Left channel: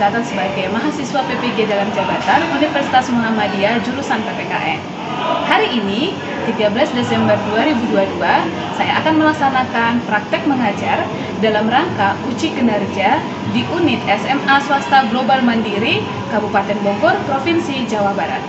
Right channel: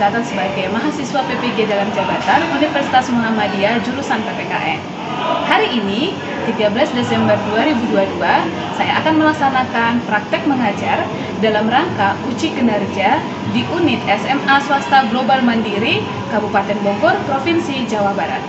tercatat sebagai mahasiswa PPG dalam jabatan Universitas Muhammadiyah jurusan PPKN. Hari ini, 13 Desember 2022, saya akan melaksanakan praktek mengajar dalam rangka uji kinerja di unit SMA Swasta Global Mandiri, Kabupaten Bogor, Provinsi Jawa Barat.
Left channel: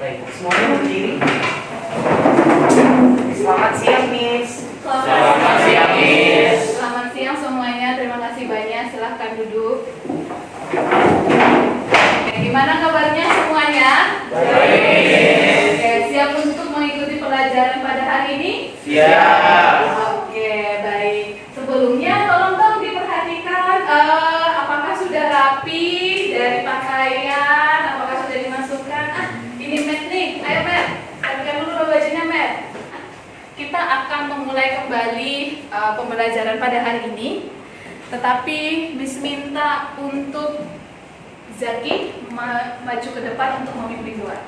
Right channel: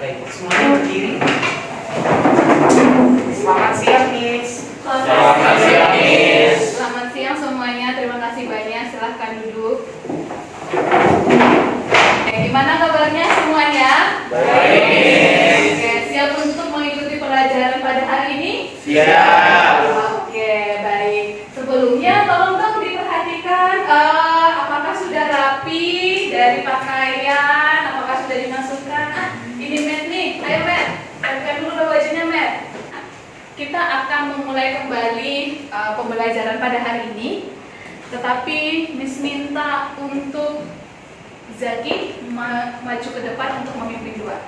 Baik, semuanya berdiri. Selamat siang, Miss. Selamat siang, Miss. Selamat siang semuanya, terima kasih banyak. Silahkan duduk. Oke, gimana kabarnya semuanya? Baik. Oke, siap untuk mengikuti pelajaran pada hari ini? Siap. Oke, baik. Sebelumnya tolong dong diperhatikan apakah sudah rapi dari pakaian, apakah sudah dimasukkan. Ini Matt nih, ayo Matt, pakai dulu dong bajunya Matt. Kita akan memulai kembali pembelajaran pada hari ini. Tetapi Miss minta untuk Zaki maju ke depan untuk memimpin doa.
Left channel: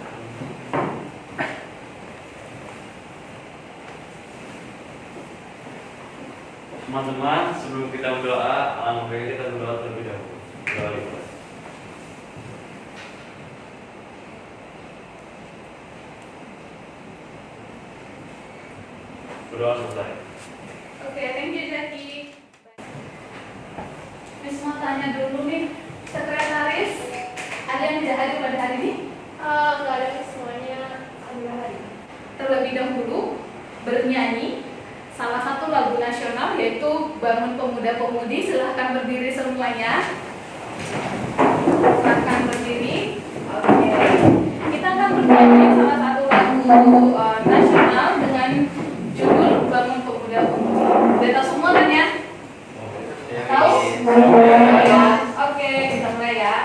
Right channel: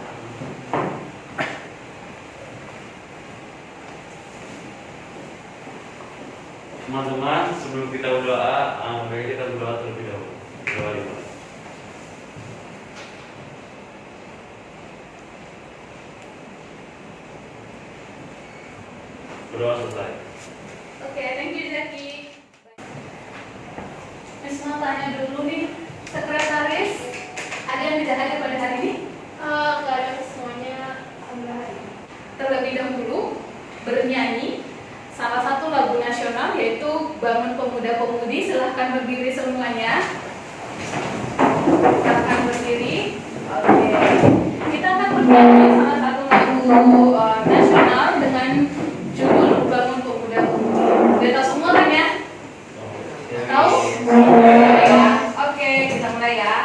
Teman-teman, sebelum kita berdoa, mari kita berdoa terlebih dahulu. Doa dimulai. Berdoa selesai. Oke, thank you Zaki. Miss mau tanya dulu nih, sekretaris ada yang tidak hadir pada hari ini? Nggak ada, semuanya adalah hari. Terlebih dahulu bernyanyi salah satu lagu nasional yaitu Bangun Pemuda-Pemudi. Silahkan berdiri semuanya. Silahkan berdiri. Oke. Kita akan bernyanyi salah satu lagu nasional dengan judul Bangun Pemuda-Pemudi. Udah tahu semua kan ya? Tahu? Ya. Oke, kita mulai ya.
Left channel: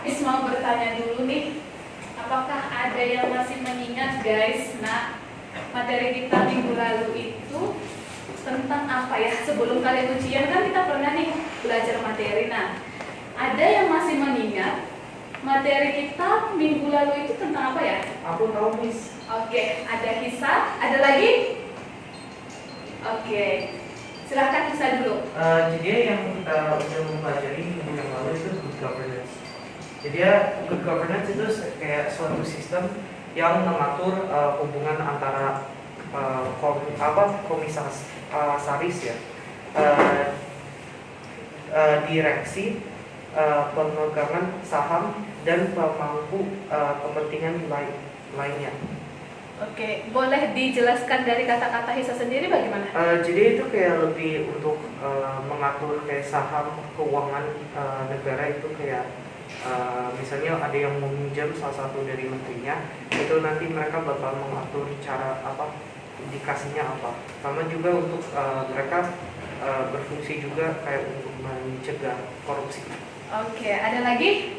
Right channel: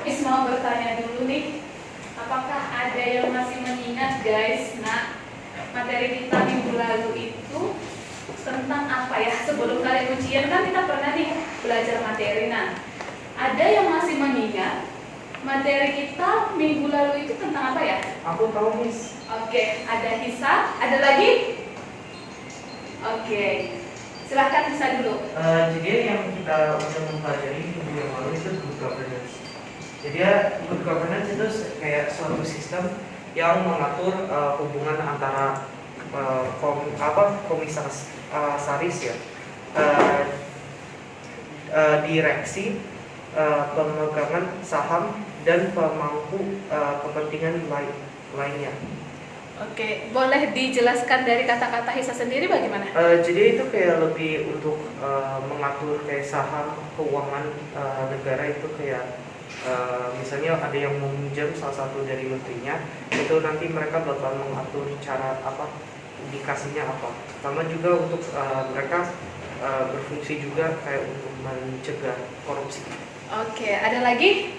Miss mau bertanya dulu nih, apakah ada yang masih mengingat guys, materi kita minggu lalu itu tentang apa ya? Sebelum kalian ujian kan kita pernah nih belajar materi. Nah, ada yang masih mengingat materi kita minggu lalu itu tentang apa ya? Aku tahu, Miss. Oke, ada hisab, ada lagi? Oke, silahkan Hisa dulu. Jadi yang kita udah mempelajari minggu yang lalu itu good governance. Jadi good governance itu kayak suatu sistem yang mengatur hubungan antara komisaris ya, direksi, pemegangan saham dan pemangku kepentingan lainnya. Oke, boleh dijelaskan dari kata-kata Hisa sendiri bagaimana? Jadi itu kayak lebih untuk mengatur kayak saham keuangan negara itu kayak misalnya ada yang meminjam salah satu dari menterinya, itu nanti mereka bakal mengatur cara apa dikasihnya apa. Sama juga untuk mereka berfungsi juga kayak untuk mencegah korupsi. Oke, ada lagi?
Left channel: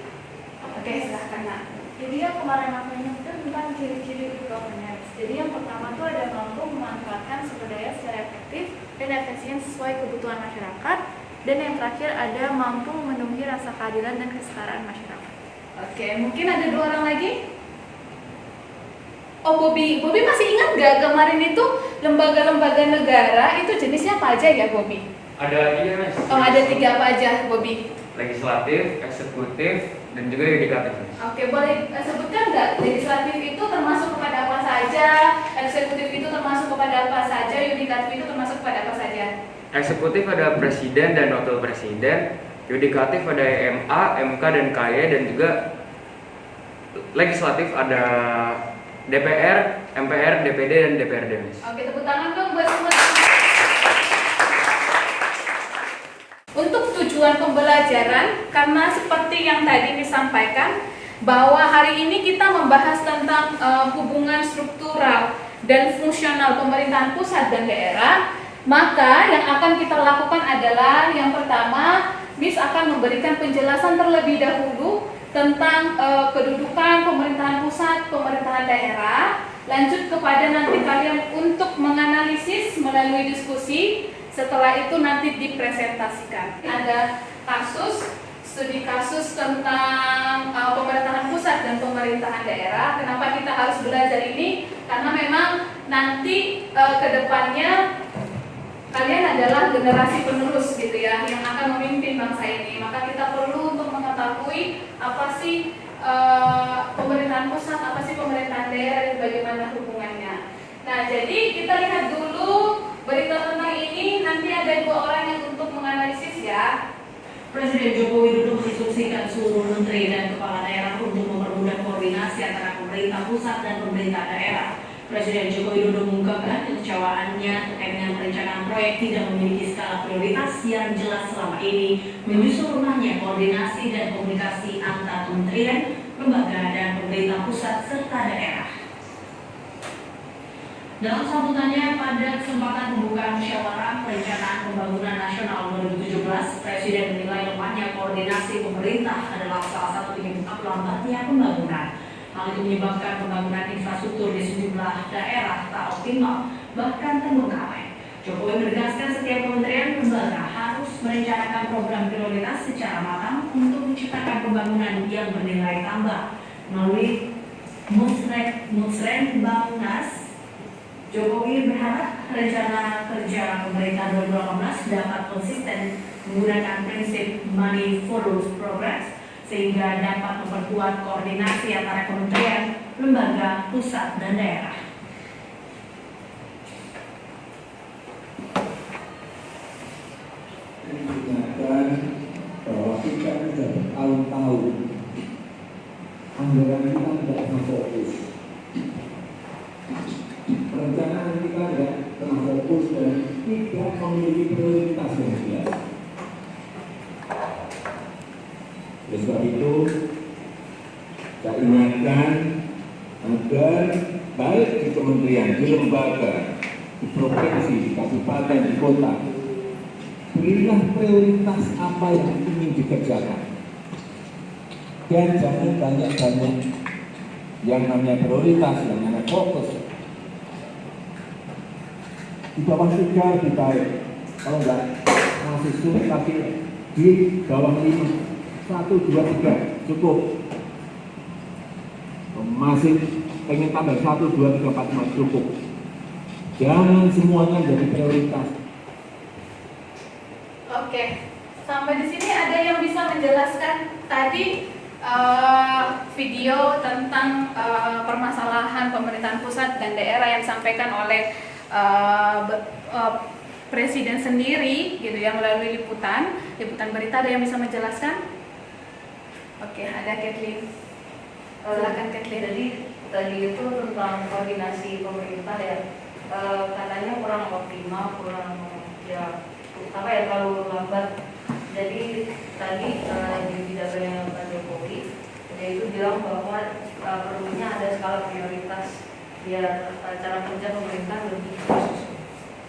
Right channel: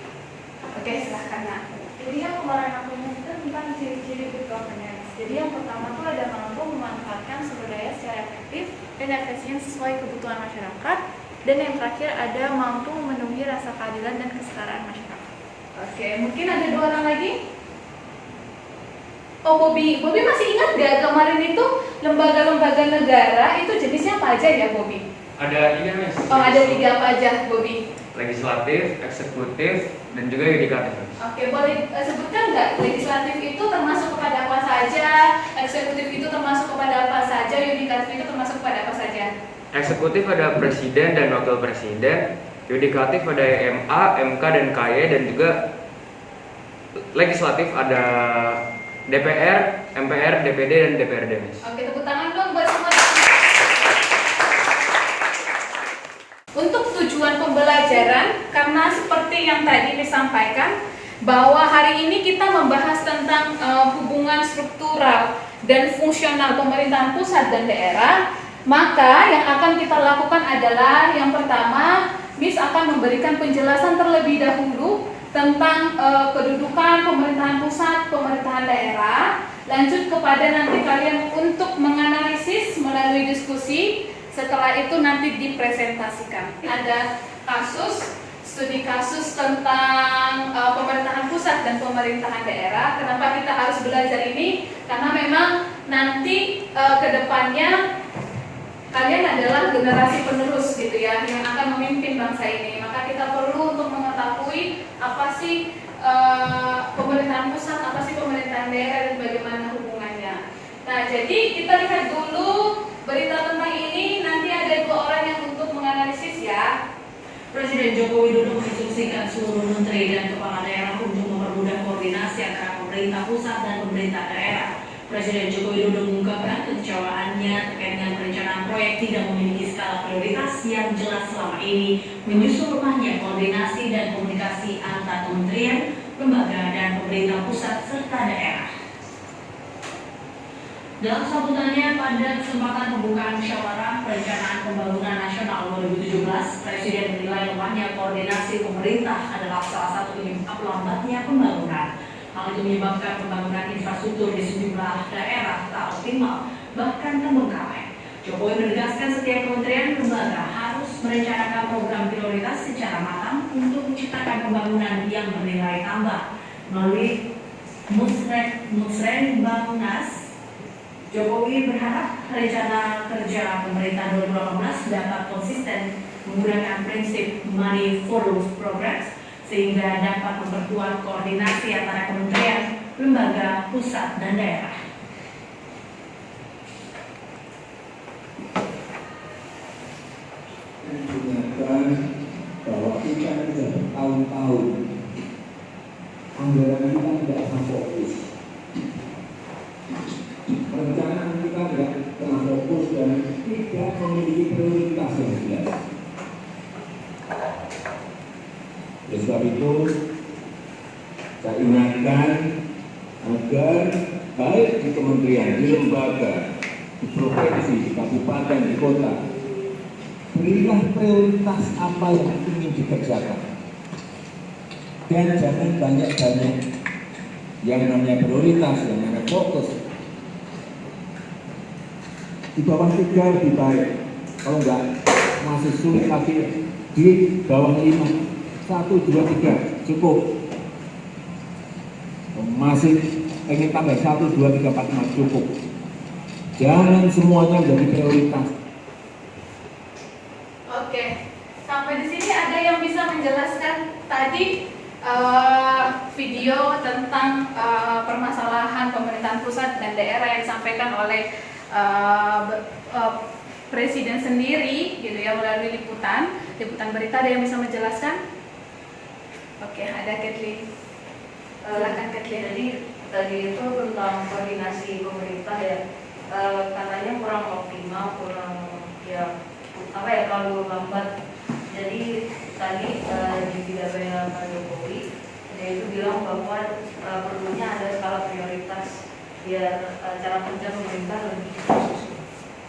Oke, silahkan Nak. Jadi yang kemarin aku ingat itu tentang ciri-ciri good governance. Jadi yang pertama tuh ada mampu memanfaatkan sumber daya secara efektif dan efisien sesuai kebutuhan masyarakat. Dan yang terakhir ada mampu memenuhi rasa keadilan dan kesetaraan masyarakat. Oke, mungkin ada dua Oh, Bobby masih ingat nggak kemarin itu lembaga-lembaga negara itu jenisnya apa aja ya, Bobby? Ada 3 Miss. Oh, ada 3 apa aja, Bobby? Legislatif, eksekutif, dan juga yudikatif. Oke, boleh sebutkan nggak legislatif itu termasuk kepada apa saja, eksekutif itu termasuk kepada apa saja, yudikatif itu termasuk kepada apa saja? Eksekutif ada presiden dan wakil presiden, yudikatif ada MA, MK, dan KY, dan juga legislatif ada DPR, MPR, DPD, dan DPRD, Miss. Oke, tepuk tangan dong buat semua. Untuk tujuan pembelajaran, karena seperti yang tadi disampaikan, bahwa hari ini kita membahas tentang hubungan struktural dan fungsional pemerintahan pusat dan daerah, maka yang akan kita lakukan adalah yang pertama, Miss akan memberikan penjelasan terlebih dahulu tentang kedudukan pemerintahan pusat, pemerintahan daerah. Lanjut kepada nanti kalian untuk menganalisis melalui diskusi. Setelah itu nanti dipresentasikan. Ada studi kasus tentang pemerintahan pusat dan pemerintahan daerah. Kenapa kita harus belajar ini? Karena memang nanti kedepannya kalian adalah generasi penerus gitu ya, yang akan memimpin bangsa ini. Maka kita perlu untuk mengetahui apa sih pemerintahan pusat, apa sih pemerintahan daerah, dan bagaimana hubungannya. Nah, jadi kita lihat dulu berita tentang ini. Nanti ada 2 orang yang untuk menganalisis ya. Presiden Joko Widodo menginstruksikan seluruh menteri dan kepala daerah untuk mempermudah koordinasi antara pemerintah pusat dan pemerintah daerah. Presiden Joko Widodo mengungkapkan kekecewaannya terkait dengan perencanaan proyek tidak memiliki skala prioritas yang jelas selama ini, menyusul lemahnya koordinasi dan komunikasi antar kementerian, lembaga, dan pemerintah pusat serta daerah. Dalam sambutannya pada kesempatan pembukaan musyawarah perencanaan pembangunan nasional 2017, Presiden menilai lemahnya koordinasi pemerintah adalah salah satu penyebab lambatnya pembangunan. Hal itu menyebabkan pembangunan infrastruktur di sejumlah daerah tak optimal, bahkan terbengkalai. Jokowi menegaskan setiap kementerian lembaga harus merencanakan program prioritas secara matang untuk menciptakan pembangunan yang bernilai tambah. Melalui Musrenbangnas, Jokowi berharap rencana kerja pemerintah 2018 dapat konsisten menggunakan prinsip money follows progress sehingga dapat memperkuat koordinasi antara kementerian, lembaga, pusat, dan daerah. Ingatkan bahwa kita sudah bertahun-tahun anggaran kita tidak pernah fokus. Perencanaan kita tidak pernah fokus dan tidak memiliki prioritas yang jelas. Oleh sebab itu, saya ingatkan agar baik di kementerian, di lembaga, di provinsi, di kabupaten, di kota, berilah prioritas apa yang ingin dikerjakan. Dan jangan banyak-banyak yang namanya prioritas, yang namanya fokus. Di bawah 3 lebih baik, kalau enggak masih sulit lagi di bawah 5, 1, 2, 3 cukup. Masih pengen tambah 1, 2, 3, 4, 5 cukup. Jangan semuanya menjadi prioritas. Oke, sampai di sini ada yang bisa menjelaskan tadi video tentang permasalahan pemerintahan pusat dan daerah yang disampaikan oleh Presiden sendiri gitu ya, melalui liputan berita. Ada yang bisa menjelaskan? Oke, ada Kathleen. Silakan Kathleen. Jadi tadi itu tentang koordinasi pemerintah ya, katanya kurang optimal, terlalu lambat. Jadi tadi di pidato Pak Jokowi dia itu bilang bahwa perlunya ada skala prioritas biar cara kerja pemerintah lebih khusus.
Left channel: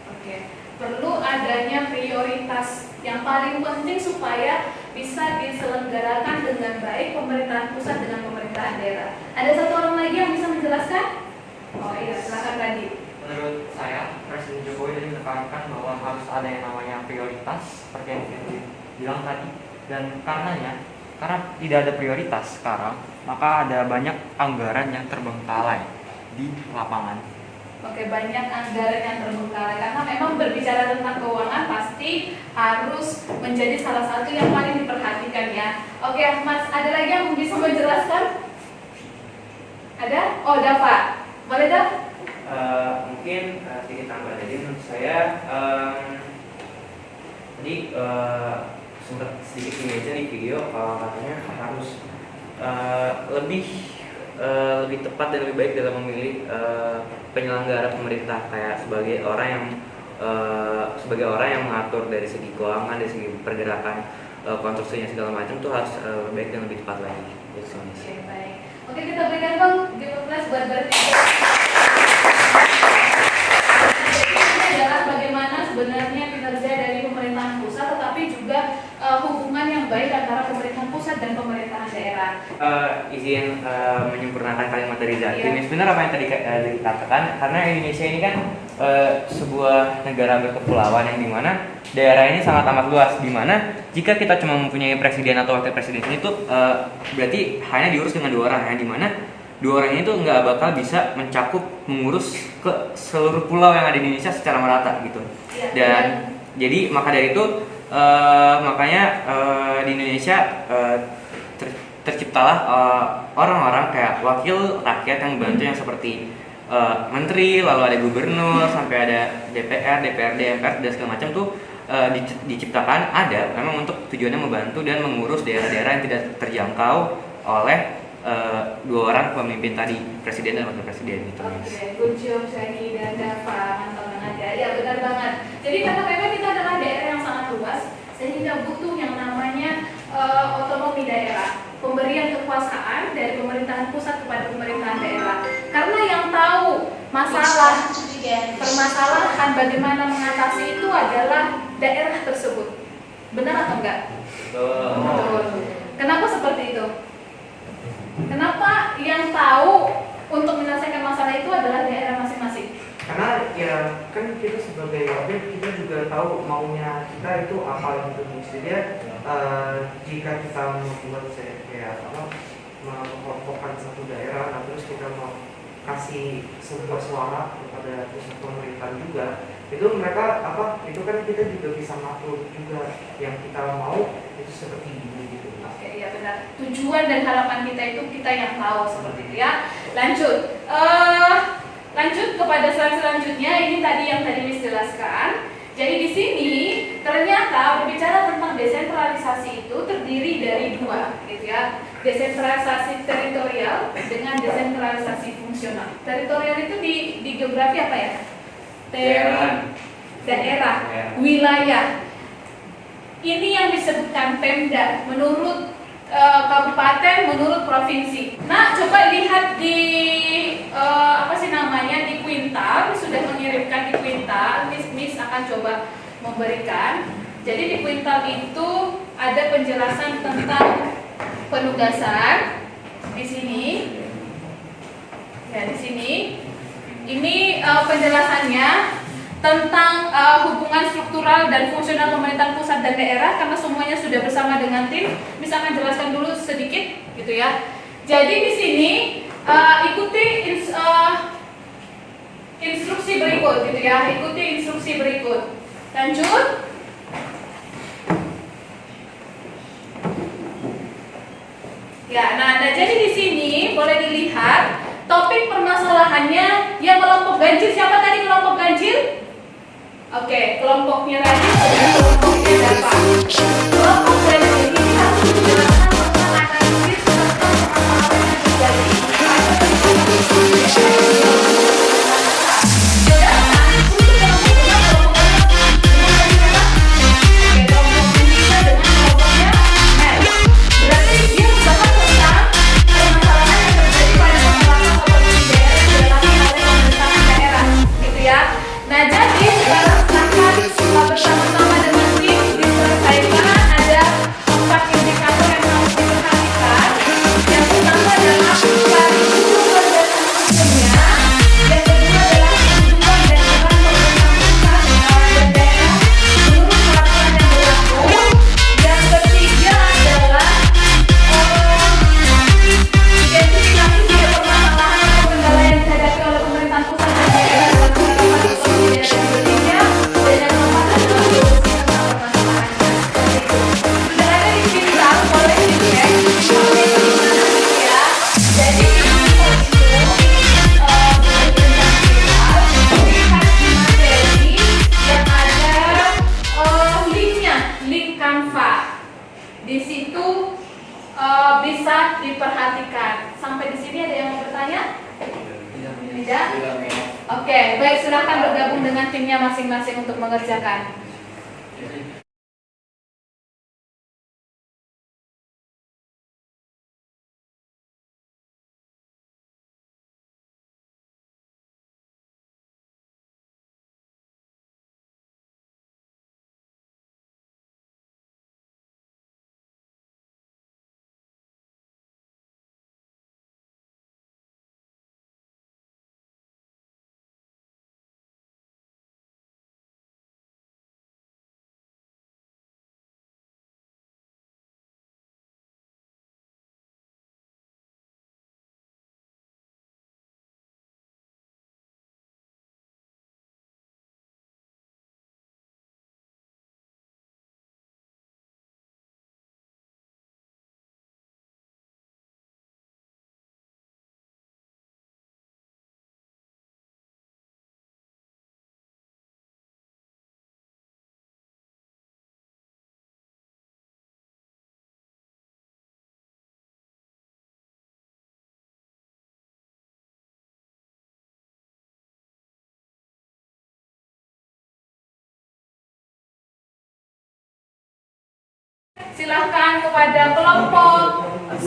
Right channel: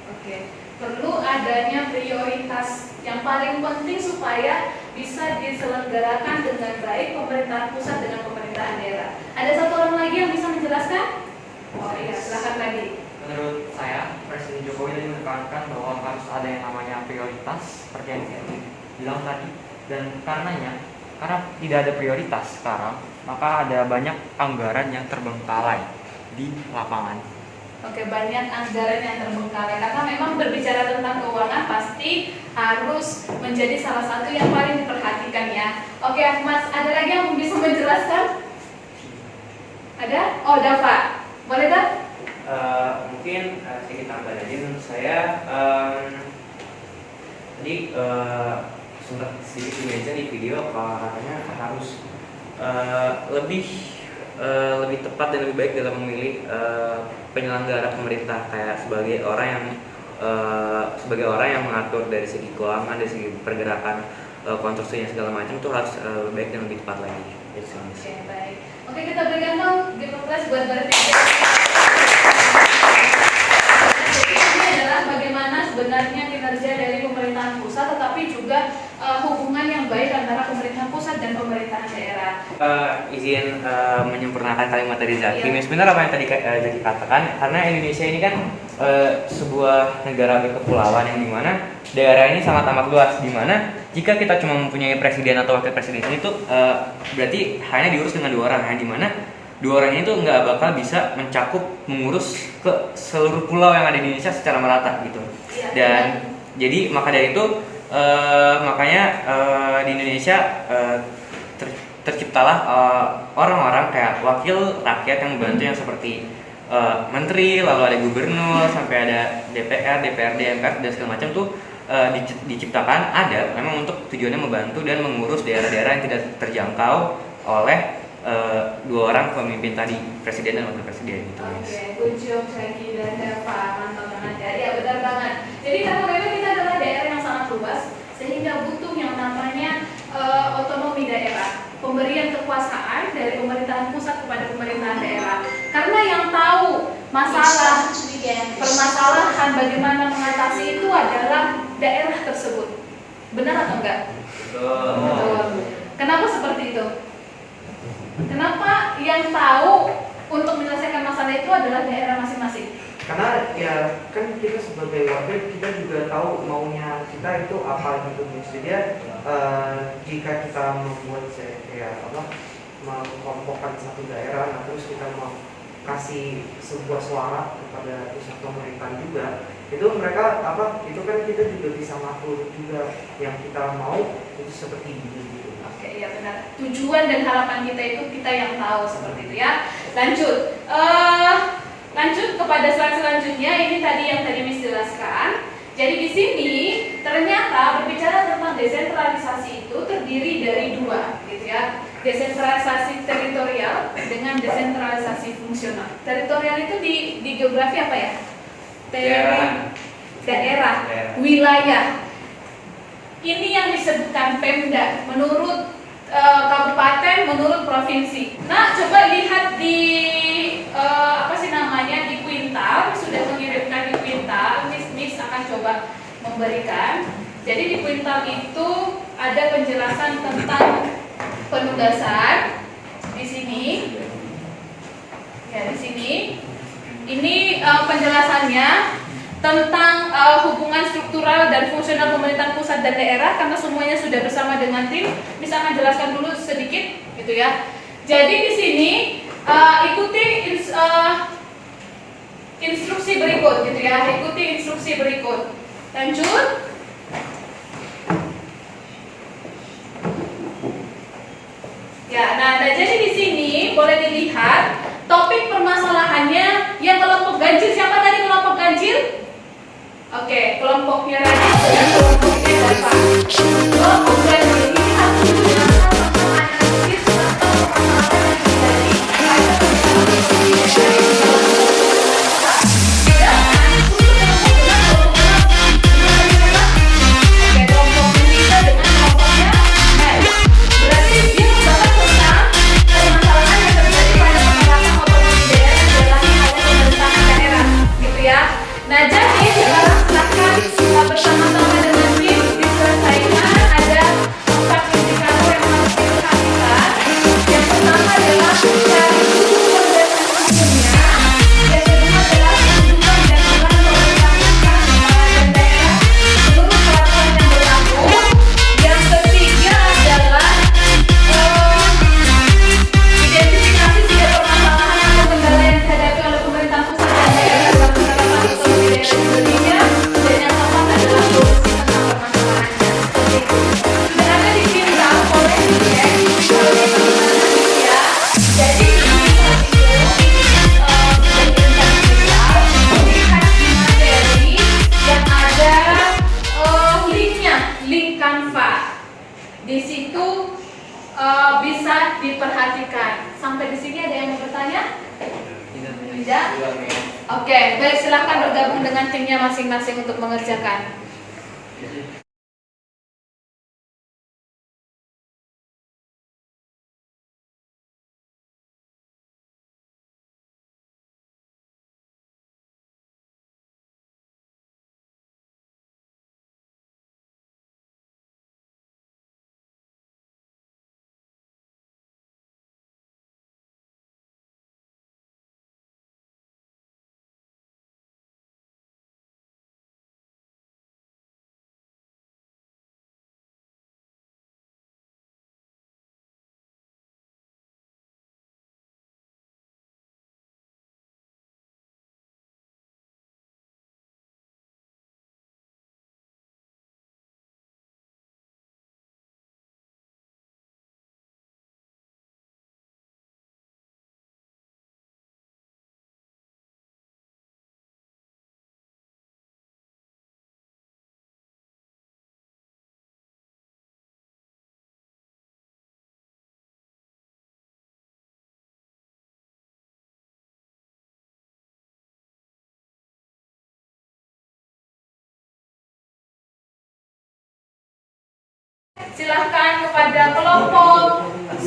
Oke, perlu adanya prioritas yang paling penting supaya bisa diselenggarakan dengan baik pemerintahan pusat dengan pemerintahan daerah. Ada satu orang lagi yang bisa menjelaskan? Oh iya, silakan tadi. Menurut saya, Presiden Jokowi ini menekankan bahwa harus ada yang namanya prioritas seperti yang saya bilang tadi, dan karena tidak ada prioritas sekarang, maka ada banyak anggaran yang terbengkalai. di lapangan. Oke, banyak anggaran yang terbengkalai karena memang berbicara tentang keuangan pasti harus menjadi salah satu yang paling diperhatikan ya. Oke, Mas, ada lagi yang bisa menjelaskan? Ada? Oh, Dava. Boleh, Dav? Mungkin sedikit tambahan aja menurut saya. Tadi sempat sedikit dimention di video katanya harus lebih tepat dan lebih baik dalam memilih penyelenggara pemerintah, kayak sebagai orang yang mengatur dari segi keuangan, dari segi pergerakan konstruksinya segala macam tuh harus lebih baik dan lebih tepat lagi. Itu sih, Mas. Oke, baik. Oke, kita berikan dong di kelas buat berarti. Ini adalah bagaimana sebenarnya kinerja dari pemerintahan pusat, tetapi juga hubungan yang baik antara pemerintahan pusat dan pemerintahan daerah. Izin menyempurnakan kalimat dari Zaki. Iya. Benar apa yang tadi Zaki katakan, karena Indonesia ini kan sebuah negara berkepulauan yang dimana daerah ini sangat amat luas, dimana jika kita cuma mempunyai presiden atau wakil presiden itu berarti hanya diurus dengan 2 orang, yang dimana 2 orang ini tuh nggak bakal bisa mencakup mengurus ke seluruh pulau yang ada di Indonesia secara merata gitu. Dan jadi maka dari itu makanya di Indonesia terciptalah orang-orang kayak wakil rakyat yang membantu, yang seperti menteri, lalu ada gubernur, sampai ada DPR, DPRD, MPR dan segala macam tuh diciptakan ada memang untuk tujuannya membantu dan mengurus daerah-daerah yang tidak terjangkau oleh 2 orang pemimpin tadi, presiden dan wakil presiden gitu, Mas. Oke, good job Zaki dan Dava, mantap banget ya. Ya, benar banget. Jadi karena memang kita adalah daerah yang sangat luas, sehingga butuh yang namanya otonomi daerah, pemberian kekuasaan dari pemerintahan pusat kepada pemerintahan daerah. Karena yang tahu masalah permasalahan bagaimana mengatasi itu adalah daerah tersebut. Benar atau enggak? Betul. Kenapa seperti itu? Kenapa yang tahu untuk menyelesaikan masalah itu adalah daerah masing-masing? Karena ya kan kita sebagai wakil kita juga tahu maunya kita itu apa gitu. Jadi jika kita membuat kayak mengelompokkan satu daerah, nah terus kita mau kasih sebuah suara kepada pusat pemerintahan juga, itu mereka itu kan kita juga bisa ngatur juga yang kita mau itu seperti ini gitu. Oke, ya benar. Tujuan dan harapan kita itu kita yang tahu seperti itu ya. Lanjut kepada slide selanjutnya. Ini tadi yang tadi Miss jelaskan. Jadi di sini ternyata berbicara tentang desentralisasi itu terdiri dari 2, gitu ya. Desentralisasi teritorial dengan desentralisasi fungsional. Teritorial itu di geografi apa ya? Daerah, wilayah. Ini yang disebutkan Pemda menurut kabupaten, menurut provinsi. Nah, coba lihat di di kuintal, sudah mengirimkan di kuintal. Miss akan coba memberikan. Jadi di kuintal itu ada penjelasan tentang penugasan di sini. Ya, di sini. Ini penjelasannya tentang hubungan struktural dan fungsional pemerintahan pusat dan daerah, karena semuanya sudah bersama dengan tim. Bisa akan jelaskan dulu sedikit, gitu ya. Jadi di sini ikuti instruksi berikut, gitu ya. Ikuti instruksi berikut. Lanjut. Ya, nah jadi di sini boleh dilihat topik permasalahannya yang kelompok ganjil. Siapa tadi kelompok ganjil? Oke, kelompoknya tadi kelompoknya Dava. Kelompok ganjil ini harus menjelaskan analisis Nah, jadi sekarang silahkan bersama-sama dengan tim diselesaikan. Ada 4 indikator yang harus diperhatikan. Yang pertama adalah dari buku penjelasan sebelumnya. di sini ada yang mau bertanya? Tidak? Oke, baik, silahkan bergabung dengan timnya masing-masing untuk mengerjakan. Silahkan kepada kelompok 1.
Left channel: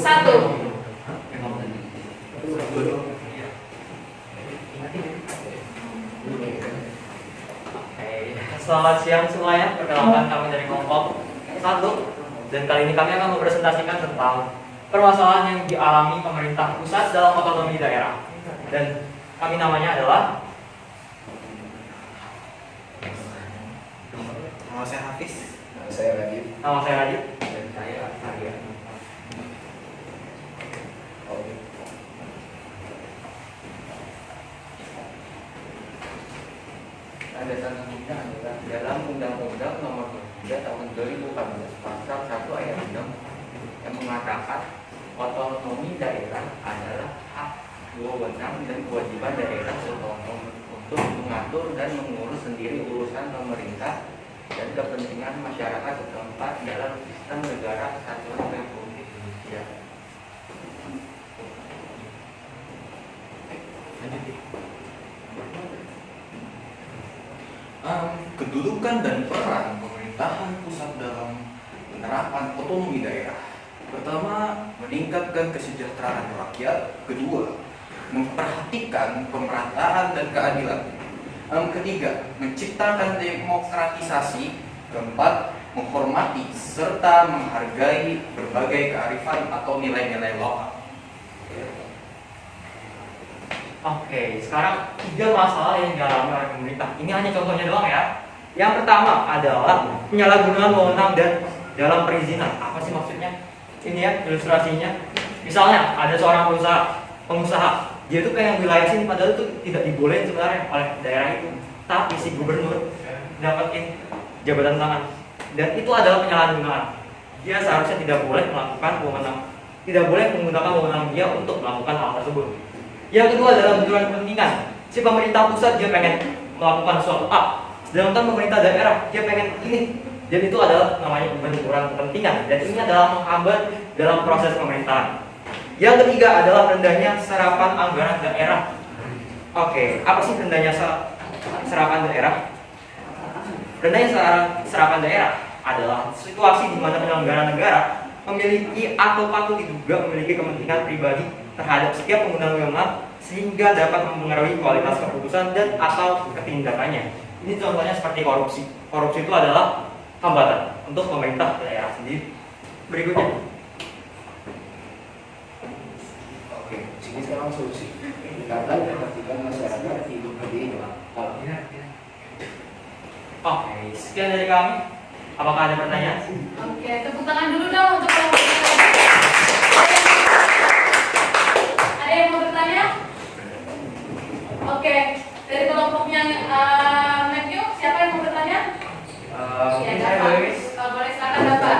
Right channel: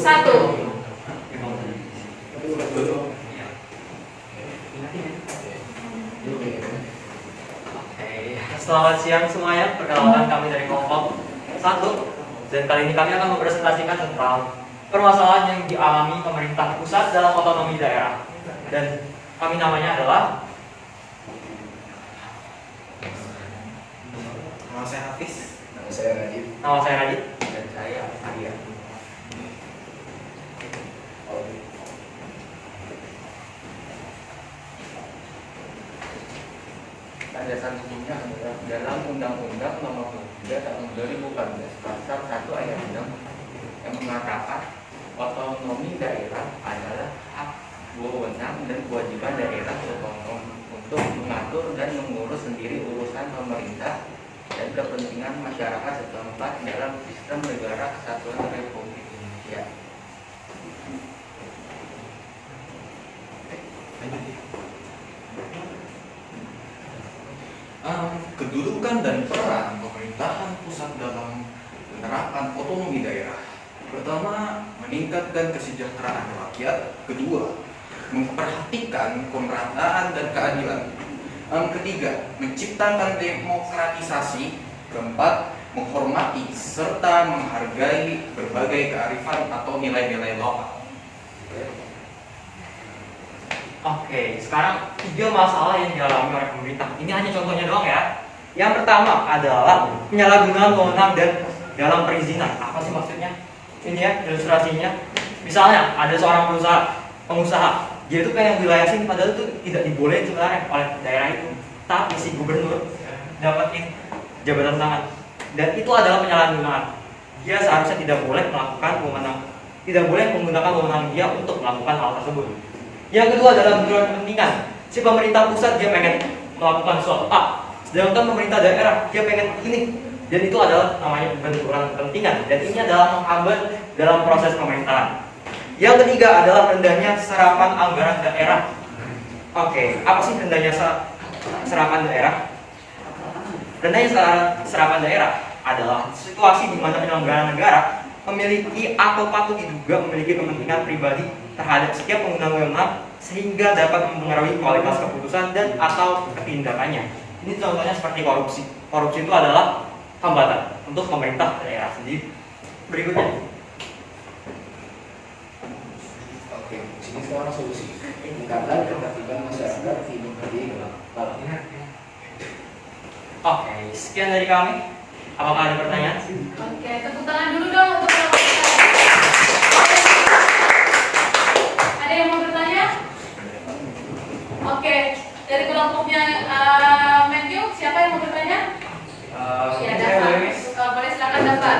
Selamat siang semuanya, perkenalkan kami dari kelompok 1. Dan kali ini kami akan mempresentasikan tentang permasalahan yang dialami pemerintah pusat dalam otonomi daerah. Dan kami namanya adalah Nama saya Hafiz. Nama saya Radit. Nama saya Radit. Dan saya Arya. Landasan hukumnya adalah dalam Undang-Undang Nomor 3 Tahun 2014 Pasal 1 Ayat 6 yang mengatakan otonomi daerah adalah hak, wewenang dan kewajiban daerah otonom untuk mengatur dan mengurus sendiri urusan pemerintah dan kepentingan masyarakat setempat dalam sistem negara kesatuan Republik Indonesia. Kedudukan dan peran pemerintahan pusat dalam penerapan otonomi daerah. Pertama, meningkatkan kesejahteraan rakyat. Kedua, memperhatikan pemerataan dan keadilan. Ketiga, menciptakan demokratisasi. Keempat, menghormati serta menghargai berbagai kearifan atau nilai-nilai lokal. Oke, sekarang 3 masalah yang dialami oleh pemerintah. Ini hanya contohnya doang ya. Yang pertama adalah penyalahgunaan wewenang dan dalam perizinan. Apa sih maksudnya? Ini ya ilustrasinya. Misalnya ada seorang pengusaha, dia itu pengen wilayah sini padahal itu tidak dibolehin sebenarnya oleh daerah itu. Tapi si gubernur dapetin jabatan tangan. Dan itu adalah penyalahgunaan. Dia seharusnya tidak boleh melakukan wewenang, tidak boleh menggunakan wewenang dia untuk melakukan hal tersebut. Yang kedua adalah benturan kepentingan. Si pemerintah pusat dia pengen melakukan suatu A, sedangkan pemerintah daerah dia pengen ini. Dan itu adalah namanya benturan kepentingan. Dan ini adalah menghambat dalam proses pemerintahan. Yang ketiga adalah rendahnya serapan anggaran daerah. Oke, apa sih rendahnya serapan daerah? Rendahnya serapan daerah adalah situasi di mana penyelenggara negara memiliki atau patut diduga memiliki kepentingan pribadi terhadap setiap pengguna wewenang sehingga dapat mempengaruhi kualitas keputusan dan atau ketindakannya. Ini contohnya seperti korupsi. Korupsi itu adalah hambatan untuk pemerintah daerah sendiri. Berikutnya. Oke, sini sekarang solusi. Meningkatkan ketertiban masyarakat hidup berdiri. Oke, sekian dari kami. Apakah ada pertanyaan? Oke, tepuk tangan dulu dong untuk kelompok 1. Ada yang mau bertanya? Oke, dari kelompoknya Matthew, siapa yang mau bertanya? Ya, Dava. Boleh silakan Dava.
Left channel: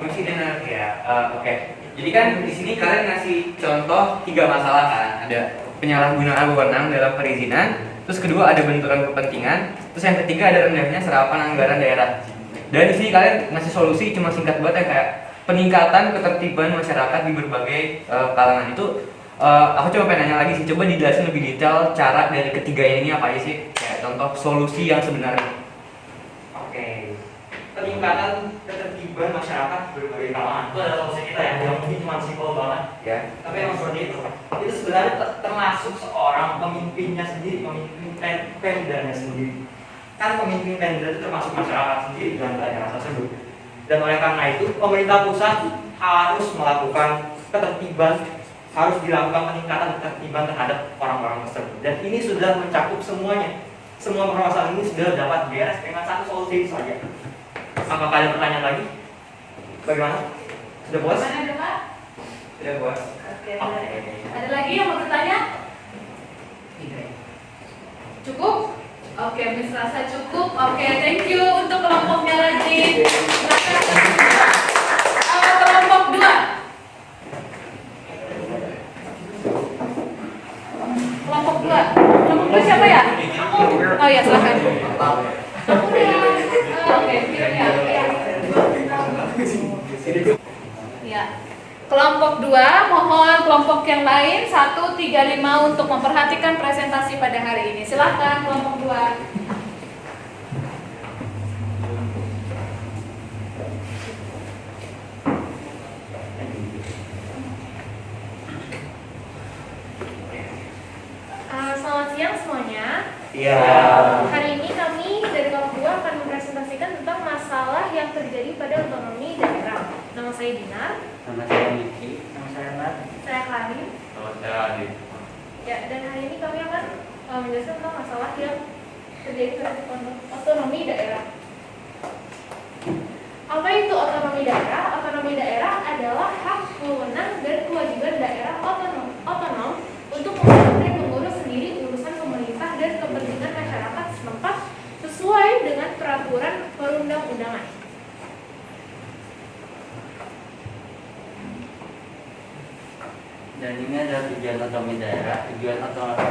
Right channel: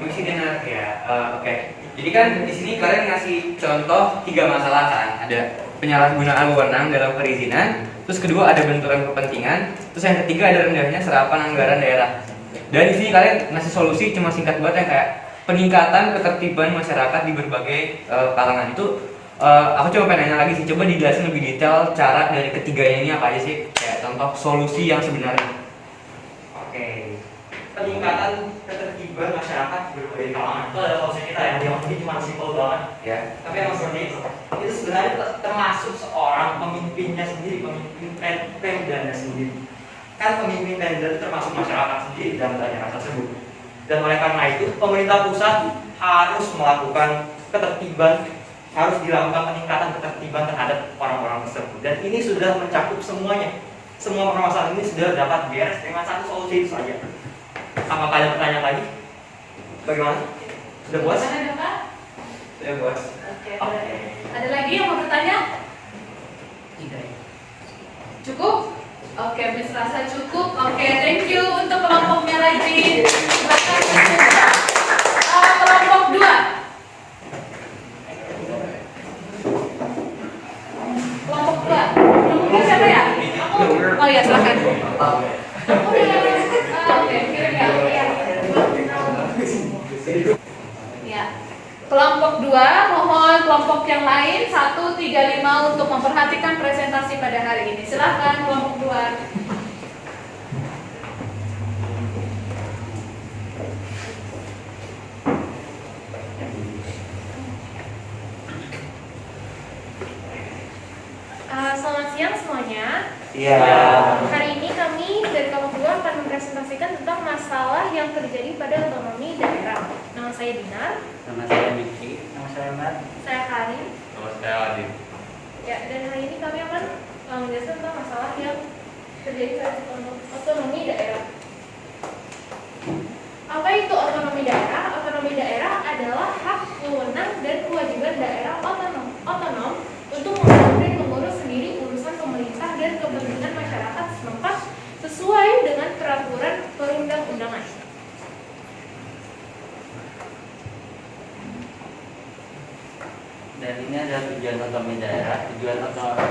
Mesti dengar ya. Oke. Jadi kan di sini kalian ngasih contoh 3 masalah kan. Ada penyalahgunaan wewenang dalam perizinan, terus kedua ada benturan kepentingan, terus yang ketiga ada rendahnya serapan anggaran daerah. Dan di sini kalian ngasih solusi cuma singkat banget ya, kayak peningkatan ketertiban masyarakat di berbagai kalangan itu. Aku coba pengen nanya lagi sih, coba dijelasin lebih detail cara dari ketiganya ini apa aja sih, kayak contoh solusi yang sebenarnya. Oke, peningkatan ketertiban masyarakat berbagai kalangan itu adalah solusi kita ya, yang mungkin cuma simpel banget Ya. tapi yang seperti itu sebenarnya termasuk seorang pemimpinnya sendiri, pemimpin Pemdanya sendiri. Kan pemimpin Pemda itu termasuk masyarakat sendiri dalam daerah tersebut, dan oleh karena itu pemerintah pusat harus melakukan ketertiban, harus dilakukan peningkatan ketertiban terhadap orang-orang tersebut, dan ini sudah mencakup semuanya. Semua permasalahan ini sudah dapat beres dengan satu solusi itu saja. Apakah ada pertanyaan lagi? Bagaimana? Sudah puas? Mana Bapak? Sudah puas. Oke, ada lagi yang mau bertanya? Cukup? Oke, Miss rasa cukup. Oke, thank you untuk kelompoknya lagi. Kelompok 2. Kelompok 2. Kelompok 2 siapa ya? Oh ya, silakan. Oke, ya. Kelompok 2, mohon kelompok yang lain 1, 3, 5 untuk memperhatikan presentasi pada hari ini. Silakan kelompok 2. Selamat siang semuanya. Iya. Hari ini kami dari kelompok 2 akan mempresentasikan tentang masalah yang terjadi pada otonomi daerah. Nama saya Dinar. Nama saya Niki. Nama saya Mat. Saya Karin. Nama saya Adit. Ya, dan hari ini kami akan menjelaskan tentang masalah yang terjadi pada otonomi daerah. Apa itu otonomi daerah? Otonomi daerah adalah hak, wewenang, dan kewajiban daerah otonom untuk mengatur dan mengurus sendiri urusan pemerintah dan kepentingan masyarakat setempat sesuai dengan peraturan perundang-undangan. Dan ini adalah tujuan otonomi daerah. Tujuan otonomi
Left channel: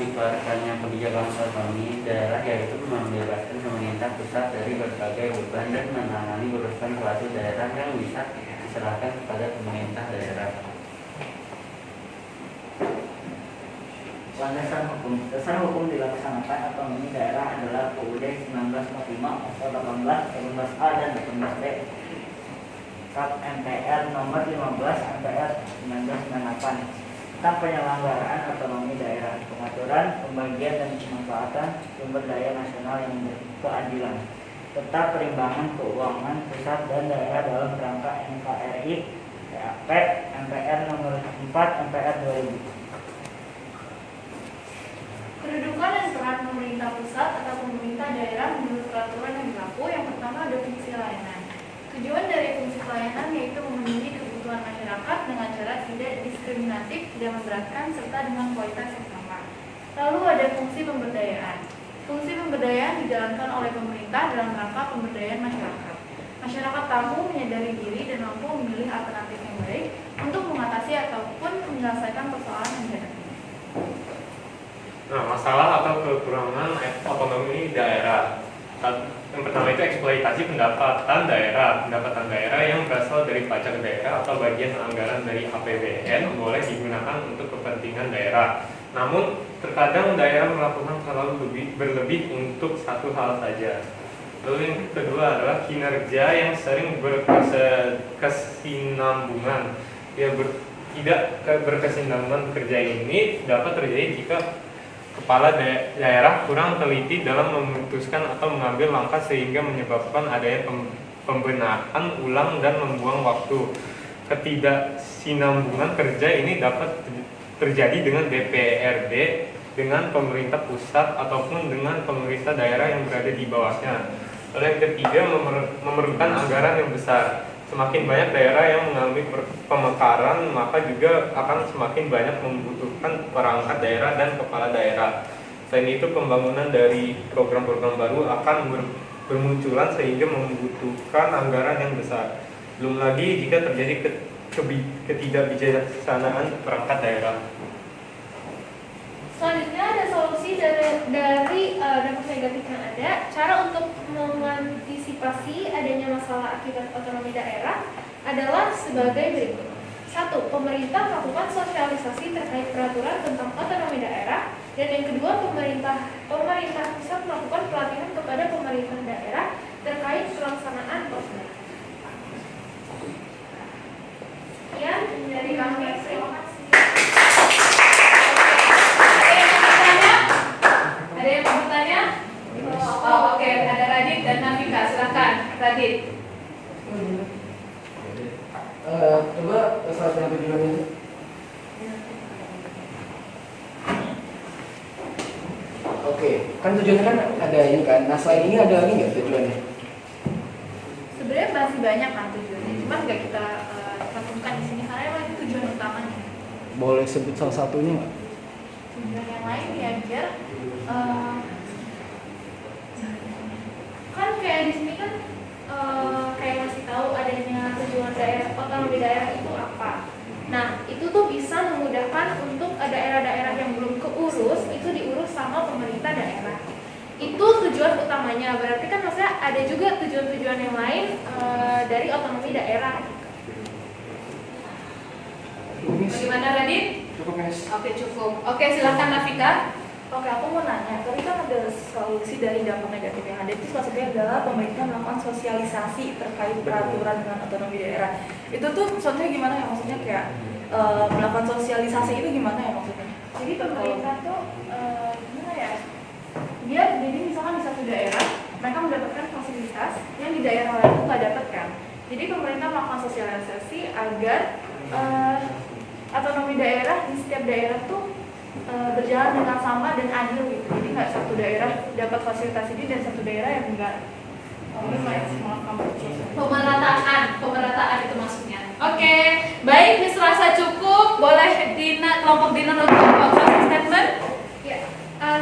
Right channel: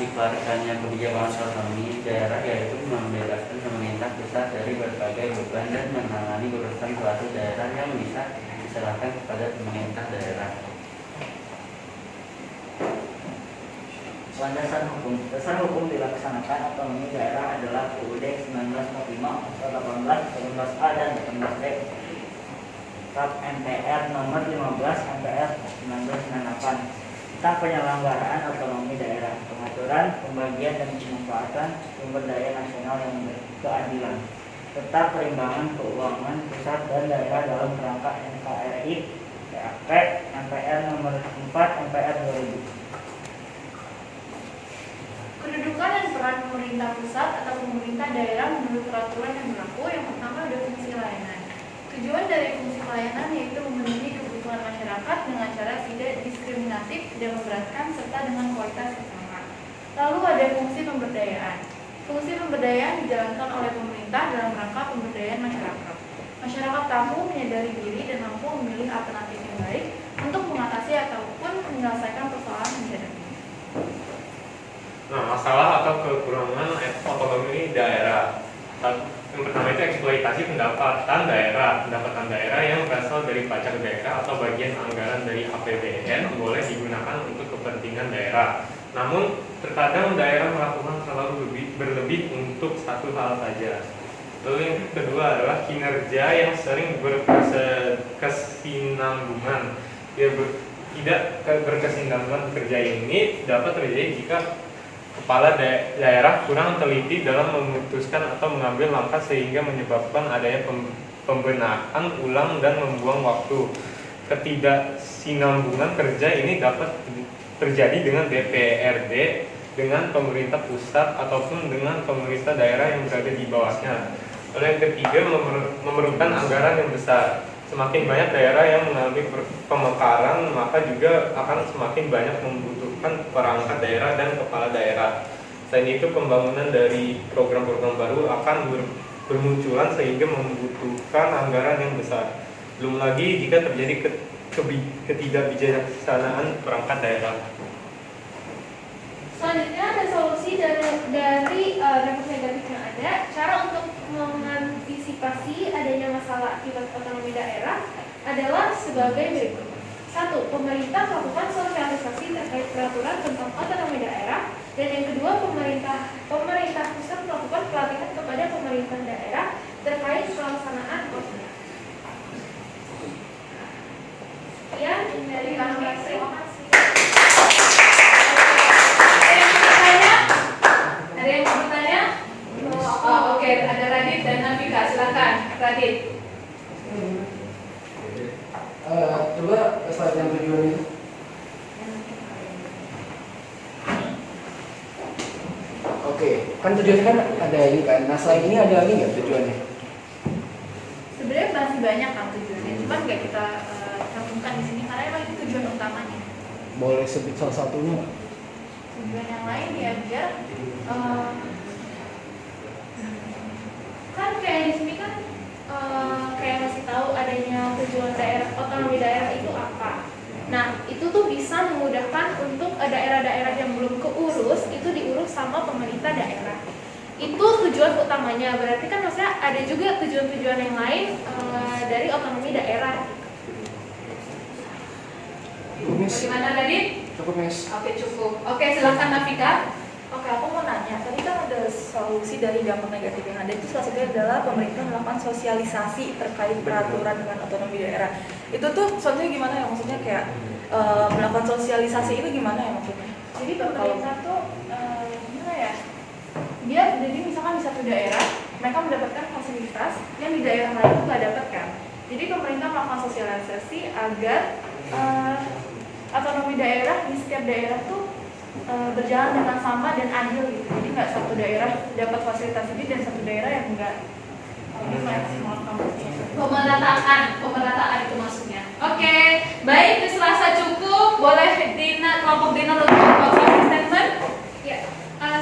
dikeluarkannya kebijakan otonomi daerah yaitu membebaskan pemerintah pusat dari berbagai beban dan menangani urusan suatu daerah yang bisa diserahkan kepada pemerintah daerah. Landasan hukum. Dasar hukum dilaksanakan otonomi daerah adalah UUD 1945 pasal 18, 18A dan 18B. Kap MPR nomor 15 MPR 1998 tentang penyelenggaraan otonomi daerah, pengaturan, pembagian dan pemanfaatan sumber daya nasional yang berkeadilan, serta perimbangan keuangan pusat dan daerah dalam kerangka NKRI PAP MPR nomor 4 MPR 2000. Kedudukan dan peran pemerintah pusat atau pemerintah daerah menurut peraturan yang berlaku. Yang pertama ada fungsi layanan. Tujuan dari fungsi pelayanan yaitu memenuhi kebutuhan masyarakat dengan cara tidak diskriminatif, tidak memberatkan, serta dengan kualitas yang sama. Lalu ada fungsi pemberdayaan. Fungsi pemberdayaan dijalankan oleh pemerintah dalam rangka pemberdayaan masyarakat. Masyarakat tamu menyadari diri dan mampu memilih alternatif yang baik untuk mengatasi ataupun menyelesaikan persoalan yang dihadapi. Nah, masalah atau kekurangan otonomi daerah. Yang pertama itu eksploitasi pendapatan daerah yang berasal dari pajak daerah atau bagian anggaran dari APBN boleh digunakan untuk kepentingan daerah. Namun, terkadang daerah melakukan terlalu berlebih untuk satu hal saja. Lalu yang kedua adalah kinerja yang sering berkesinambungan. Tidak berkesinambungan kerja ini dapat terjadi jika kepala daerah kurang teliti dalam memutuskan atau mengambil langkah sehingga menyebabkan adanya pembenahan ulang dan membuang waktu. Ketidaksinambungan kerja ini dapat terjadi dengan DPRD, dengan pemerintah pusat ataupun dengan pemerintah daerah yang berada di bawahnya. Lalu yang ketiga, memerlukan anggaran yang besar. Semakin banyak daerah yang mengalami pemekaran, maka juga akan semakin banyak membutuhkan perangkat daerah dan kepala daerah. Selain itu, pembangunan dari program-program baru akan bermunculan sehingga membutuhkan anggaran yang besar. Belum lagi jika terjadi ketidakbijaksanaan perangkat daerah. Selanjutnya ada solusi dari dampak negatif yang ada. Cara untuk mengantisipasi adanya masalah akibat otonomi daerah adalah sebagai berikut. 1. Pemerintah melakukan sosialisasi terkait peraturan tentang otonomi daerah. Dan yang kedua, pemerintah pusat melakukan pelatihan kepada pemerintah daerah terkait pelaksanaan prosedur. Ya, dari kami, terima kasih. Ada yang mau bertanya? Oh, oke, ada Radit dan Nafika, silakan. Radit. Coba slide yang tujuannya. Oke, kan tujuannya kan ada ini kan. Nah selain ini ada ini nggak tujuannya? Sebenarnya masih banyak kan tujuannya, cuman nggak kita cantumkan di sini karena emang itu tujuan utamanya. Boleh sebut salah satunya? Tujuan yang lain ya biar kan kayak di sini kan kayak masih tahu adanya tujuan daerah otonomi daerah itu apa. Nah itu tuh bisa memudahkan untuk daerah-daerah yang belum keurus itu diurus sama pemerintah daerah. Itu tujuan utamanya. Berarti kan maksudnya ada juga tujuan-tujuan yang lain dari otonomi daerah. Bagaimana Radit? Cukup, Miss. Oke, cukup. Oke, silakan Nafika. Oke, aku mau nanya. Tadi kan ada solusi dari dampak negatif yang ada. Itu salah satunya adalah pemerintah melakukan sosialisasi terkait peraturan dengan otonomi daerah. Itu tuh contohnya gimana ya? Maksudnya kayak melakukan sosialisasi itu gimana ya maksudnya? Jadi pemerintah tuh gimana ya? Dia jadi misalkan di satu daerah mereka mendapatkan fasilitas yang di daerah lain itu nggak dapatkan. Jadi pemerintah melakukan sosialisasi agar otonomi daerah di setiap daerah tuh berjalan dengan sama dan adil gitu. Jadi nggak satu daerah dapat fasilitas ini dan satu daerah yang enggak. Ini maksimalkan Pemerataan itu maksudnya. Oke, baik, dirasa cukup. Boleh kelompok Dina untuk closing statement? Ya,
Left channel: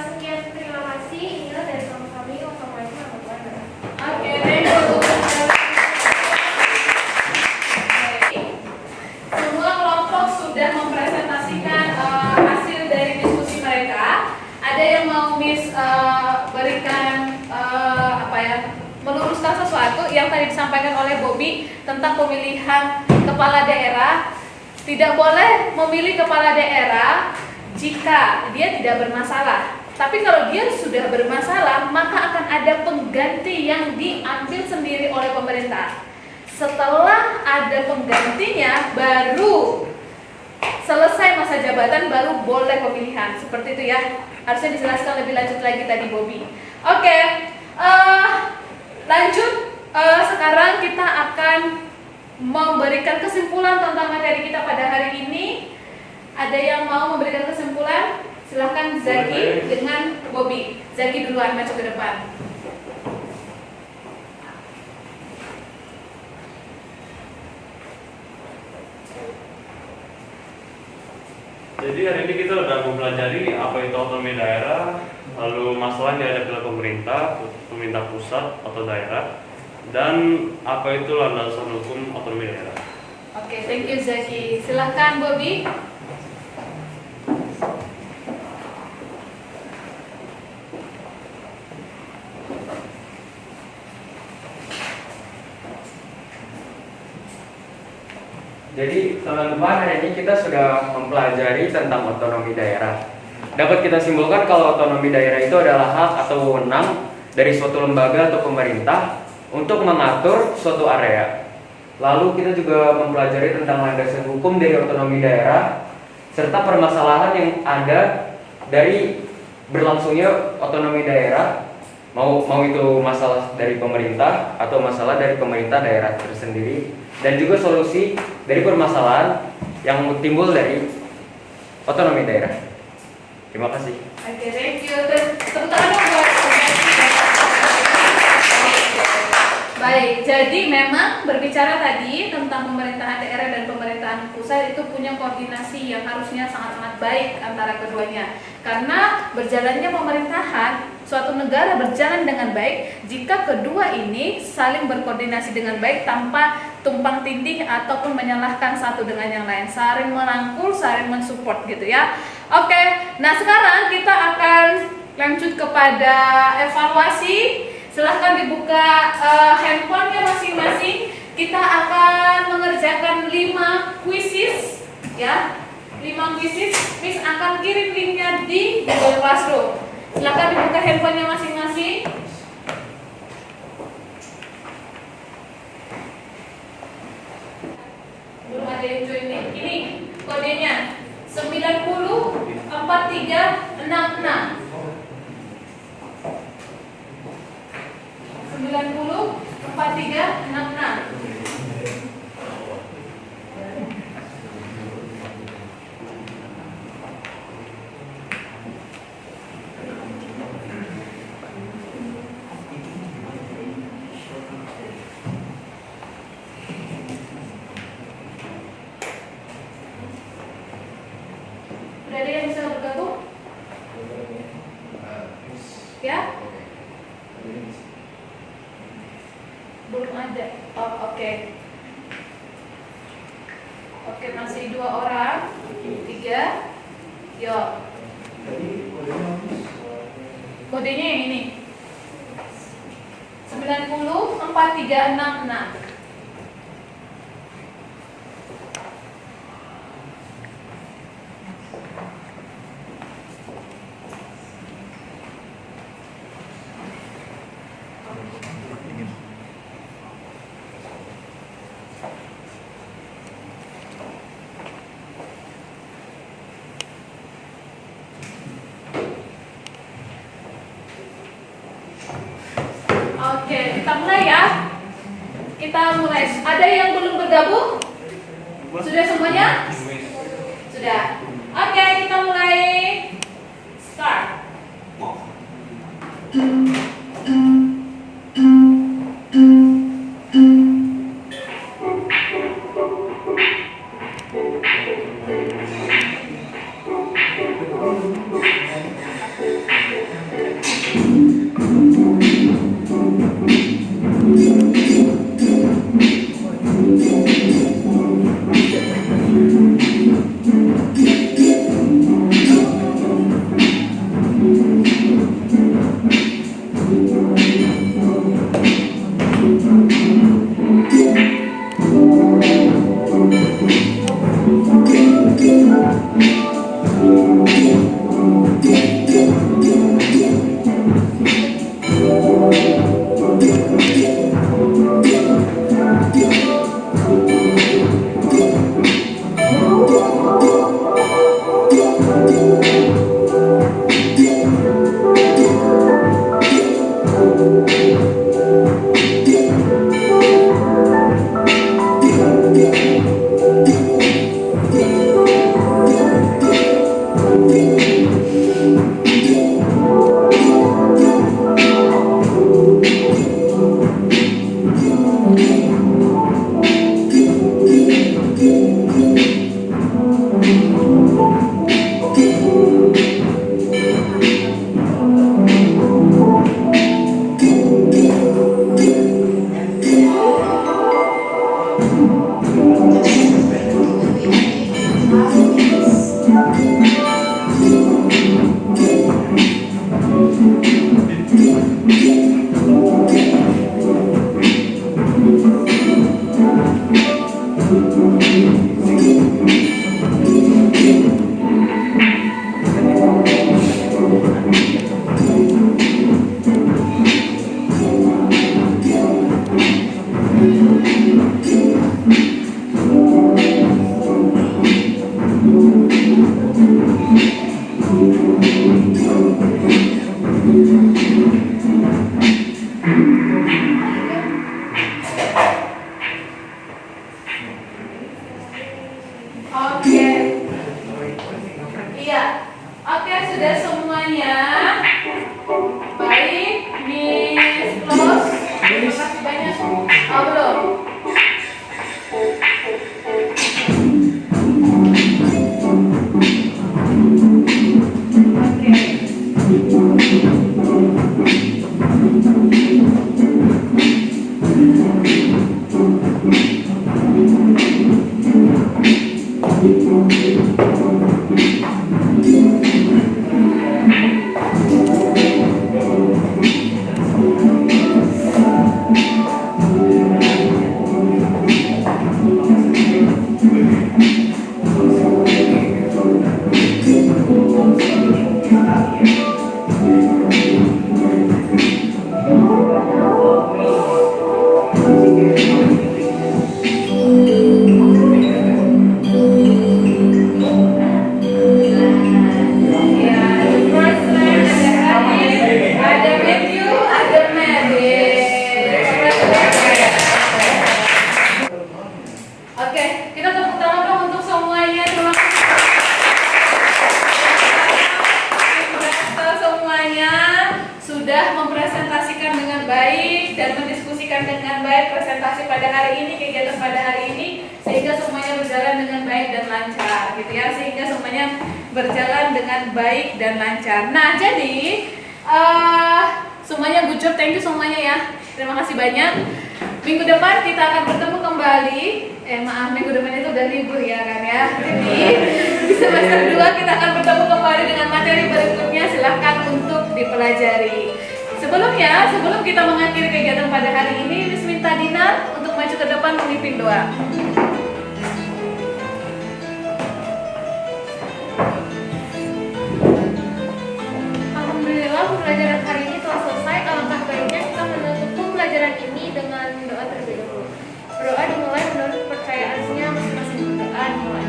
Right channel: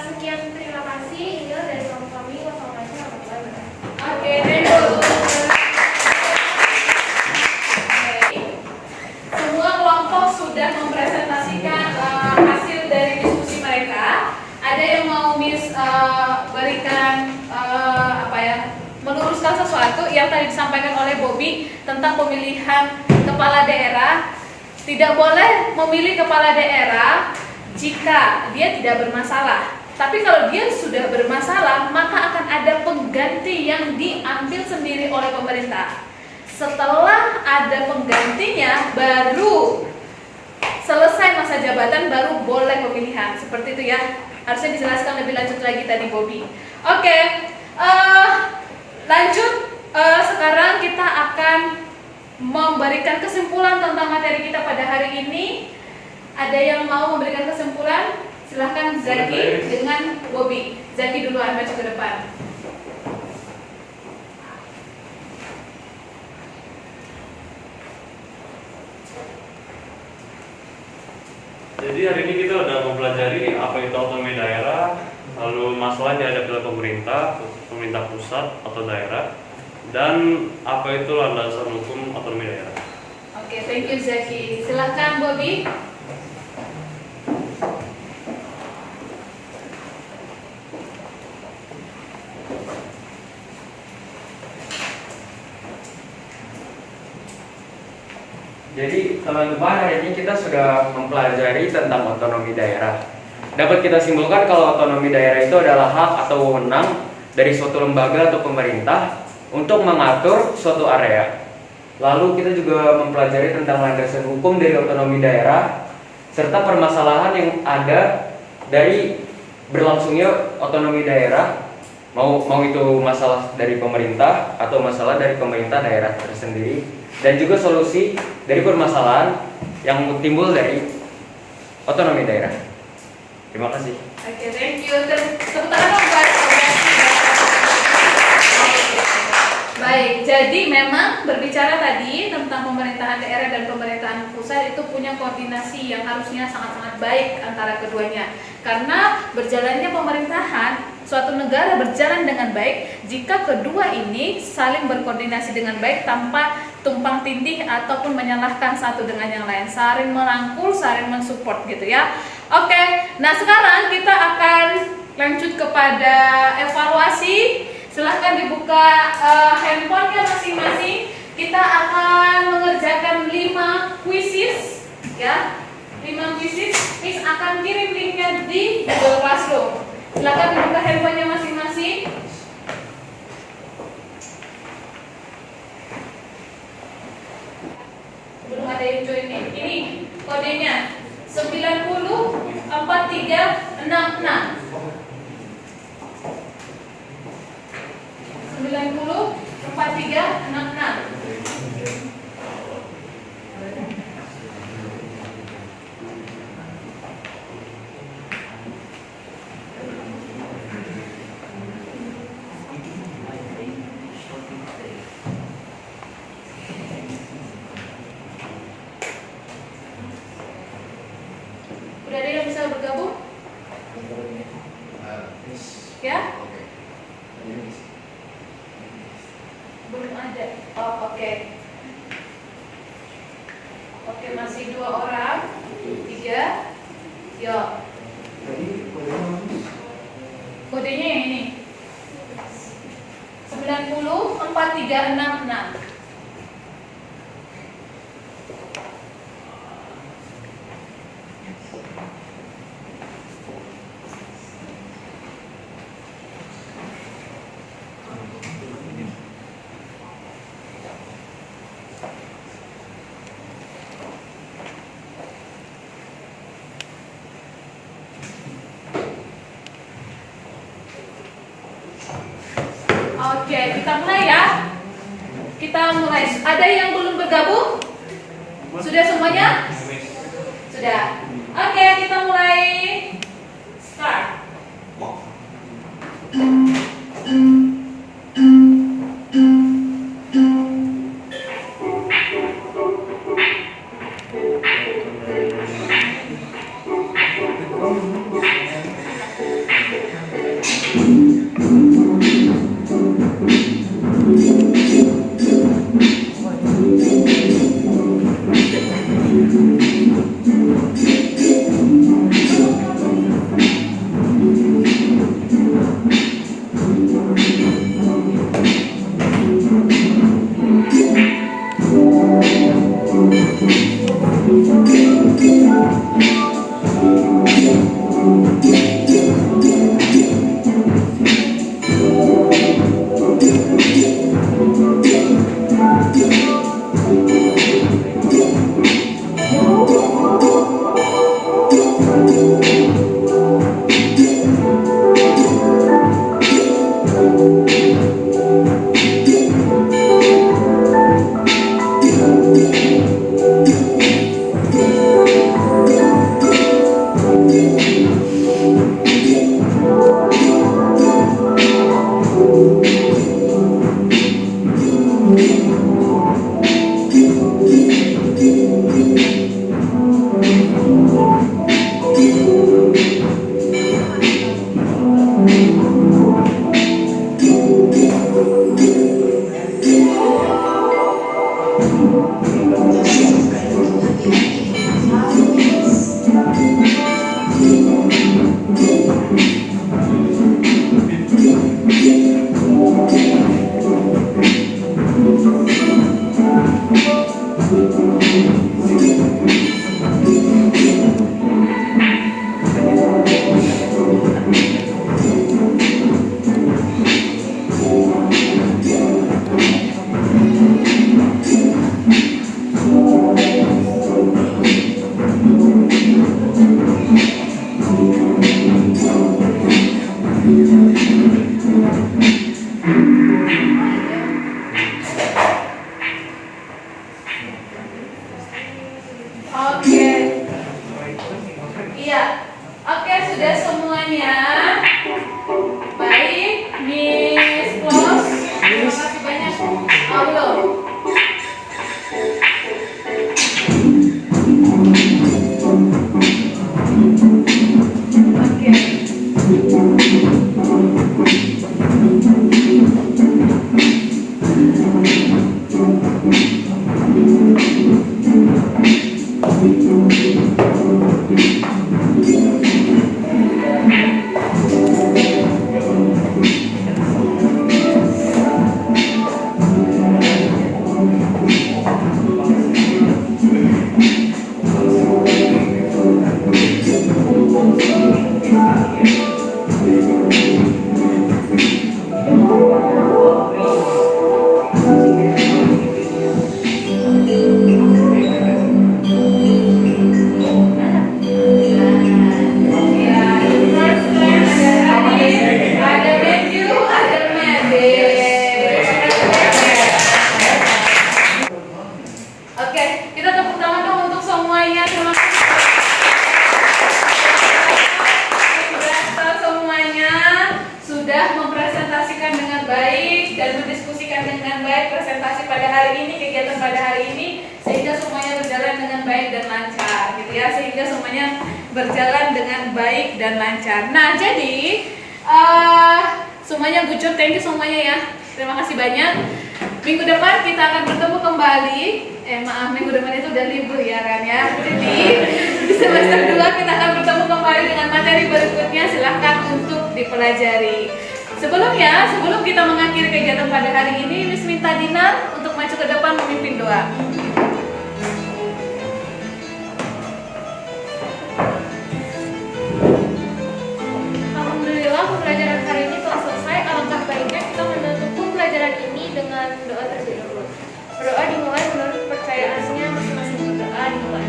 sekian terima kasih. Inilah dari kelompok kami. Wassalamualaikum warahmatullahi wabarakatuh. Oke, thank you. Semua kelompok sudah mempresentasikan hasil dari diskusi mereka. Ada yang mau berikan meluruskan sesuatu yang tadi disampaikan oleh Bobby tentang pemilihan kepala daerah. Tidak boleh memilih kepala daerah jika dia tidak bermasalah. Tapi kalau dia sudah bermasalah, maka akan ada pengganti yang diambil sendiri oleh pemerintah. Setelah ada penggantinya, baru selesai masa jabatan, baru boleh pemilihan. Seperti itu ya. Harusnya dijelaskan lebih lanjut lagi tadi Bobby. Oke, lanjut. Sekarang kita akan memberikan kesimpulan tentang materi kita pada hari ini. Ada yang mau memberikan kesimpulan? Silahkan Zaki dengan Bobby. Zaki duluan, maju ke depan. Jadi hari ini kita udah mempelajari apa itu otonomi daerah, lalu masalah yang dihadapi oleh pemerintah pusat atau daerah, dan apa itu landasan hukum otonomi daerah. Oke, thank you Zaki. Silahkan Bobby. Jadi teman-teman, hari ini kita sudah mempelajari tentang otonomi daerah. Dapat kita simpulkan kalau otonomi daerah itu adalah hak atau wewenang dari suatu lembaga atau pemerintah untuk mengatur suatu area. Lalu kita juga mempelajari tentang landasan hukum dari otonomi daerah serta permasalahan yang ada dari berlangsungnya otonomi daerah, mau itu masalah dari pemerintah atau masalah dari pemerintah daerah tersendiri, dan juga solusi dari permasalahan yang timbul dari otonomi daerah. Terima kasih. Oke, thank you. Tepuk tangan dong buat Baik, jadi memang berbicara tadi tentang pemerintahan daerah dan pemerintahan pusat itu punya koordinasi yang harusnya sangat-sangat baik antara keduanya. Karena berjalannya pemerintahan suatu negara berjalan dengan baik jika kedua ini saling berkoordinasi dengan baik tanpa tumpang tindih ataupun menyalahkan satu dengan yang lain, saling merangkul, saling mensupport gitu ya. Oke, nah sekarang kita akan lanjut kepada evaluasi. Silahkan dibuka handphonenya masing-masing. kita akan mengerjakan 5 quizzes ya. 5 quizzes, Miss akan kirim linknya di Google Classroom. Silakan dibuka handphonenya masing-masing. Belum ada yang join nih. Ini kodenya 904366. 904366. Udah ada yang bisa bergabung? Ya? Belum ada. Oh, oke. Oke, masih 2 orang. 3. Yo. Kodenya yang ini. 904366. Oke, kita mulai ya. Kita mulai. Ada yang belum bergabung? Sudah semuanya? Sudah. Oke, kita mulai. Start. semuanya berjalan dengan baik dan lancar. Nah, jadi semuanya good job, thank you semuanya ya. Terima kasih banyak. Minggu depan kita akan bertemu kembali. Maaf, minggu depan itu udah libur ya kan ya. Jadi di semester 2 kita akan bertemu kembali dengan materi berikutnya. Silahkan untuk dipelajari. Sebelum kita mengakhiri kegiatan pada hari ini, Miss minta Dinar untuk maju ke depan memimpin doa. Alhamdulillah pembelajaran hari ini telah selesai. Alangkah baiknya kita menutup pembelajaran ini dengan doa terlebih dahulu. Berdoa dimulai menurut kepercayaannya masing-masing. Berdoa dimulai.